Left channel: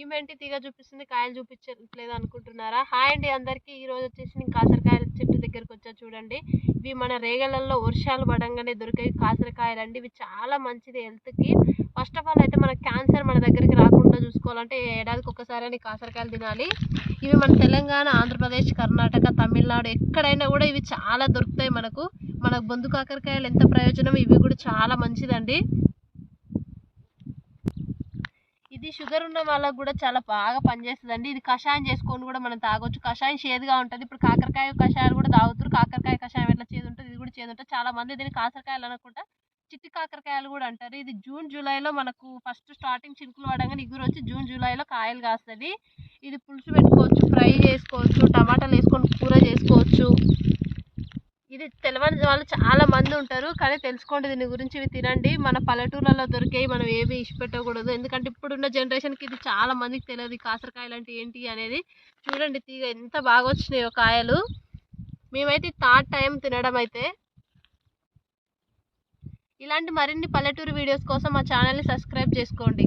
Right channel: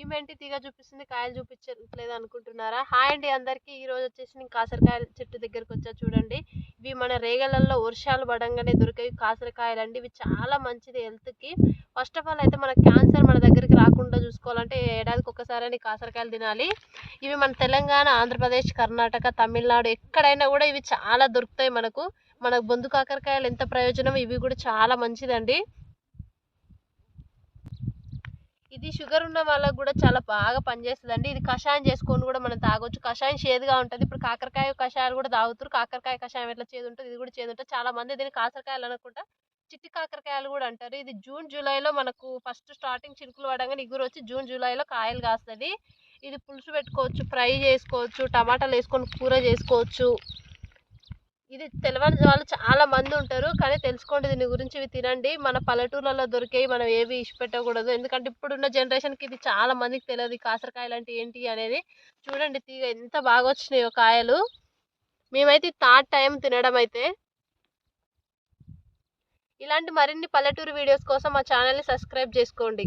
ఈమెంటి తీగ చూపిస్తుంది కాయలు చూపించట్లేదు అనుకుంటున్నారా? హాయ్ అండి అందరికీ. ఈ రోజు వచ్చేసి నేను కాకరకాయల చెట్టు దగ్గరికి వచ్చా చూడండి. ఇవి మన రేగలలో వర్షాలు పడంగానే దొరికే కాకరకాయలు అండి. ఇవి చాలా మంచిది హెల్త్కి. ఫస్ట్ ఆఫ్ ఆల్ అయితే మన క్యాన్సర్ మన దగ్గరికి రాకుండా చూసుకోవాలంటే ఏడాదికి ఒక్కసారి కాకరకాయలు తినాలి. ఇవి మన తెలంగాణ, ఆంధ్రప్రదేశ్, కర్ణాటక, తమిళనాడు ఎక్కడైనా కూడా ఇవి చాలా దొరుకుతాయి. మనకు బొందు కాకరకాయలు ఎంత ప్రయోజనం, ఇవి కూడా చాలా మంచిదండి. ఇది షుగర్ ఉన్న వాళ్ళకు కూడా చాలా బాగా పనిచేస్తుందండి. ఇది కషాయం చేసుకొని కూడా మనం తాగొచ్చు. కషాయం చేదుగా ఉంటుంది. ఇప్పుడు కాకరకాయ కషాయాలు కూడా తాగుతారు. కాకరకాయ కషాయం ఎట్లా చేదు ఉంటుంది, ఇది కూడా చేదు ఉంటుంది. చాలా మంది దీన్ని కాకరకాయలు అనకుండా చిట్టి కాకరకాయలు కూడా అంటారు. ఇది జూన్ జూలైలో మనకు ఫస్ట్ స్టార్టింగ్ చినుకులు పడంగానే ఇగురు వచ్చి జూన్ జూలైలో కాయలు కాస్తుంది. ఇది పులుసు పెట్టుకోవచ్చు, ఫ్రై చేసుకోవచ్చు, టమాటాలు వేసుకొని కూర చేసుకోవచ్చు. ఇది తెలియని వాళ్ళు చాలా మంది ఉంటారు, కానీ తెలుసుకోండి దీని గురించి. ఇవి తినండి. మన పల్లెటూర్లలో దొరికేవి మనం ఏవి ఇష్టపెట్టకూడదు. ఎందుకంటే ఇప్పుడున్న జనరేషన్కి ఇది చాలా మందికి తెలియదు కాకరకాయలు అంటే ఏంటి అనేది. చూడండి తీగ ఎంత బాగా వచ్చినాయో కాయలు. మేమైతే థర్డ్ టైం తినడం అయితే. ఇలాంటి మరిన్ని పల్లెటూరు వీడియోస్ కోసం మా ఛానల్ని సబ్స్క్రైబ్ చేసుకోండి.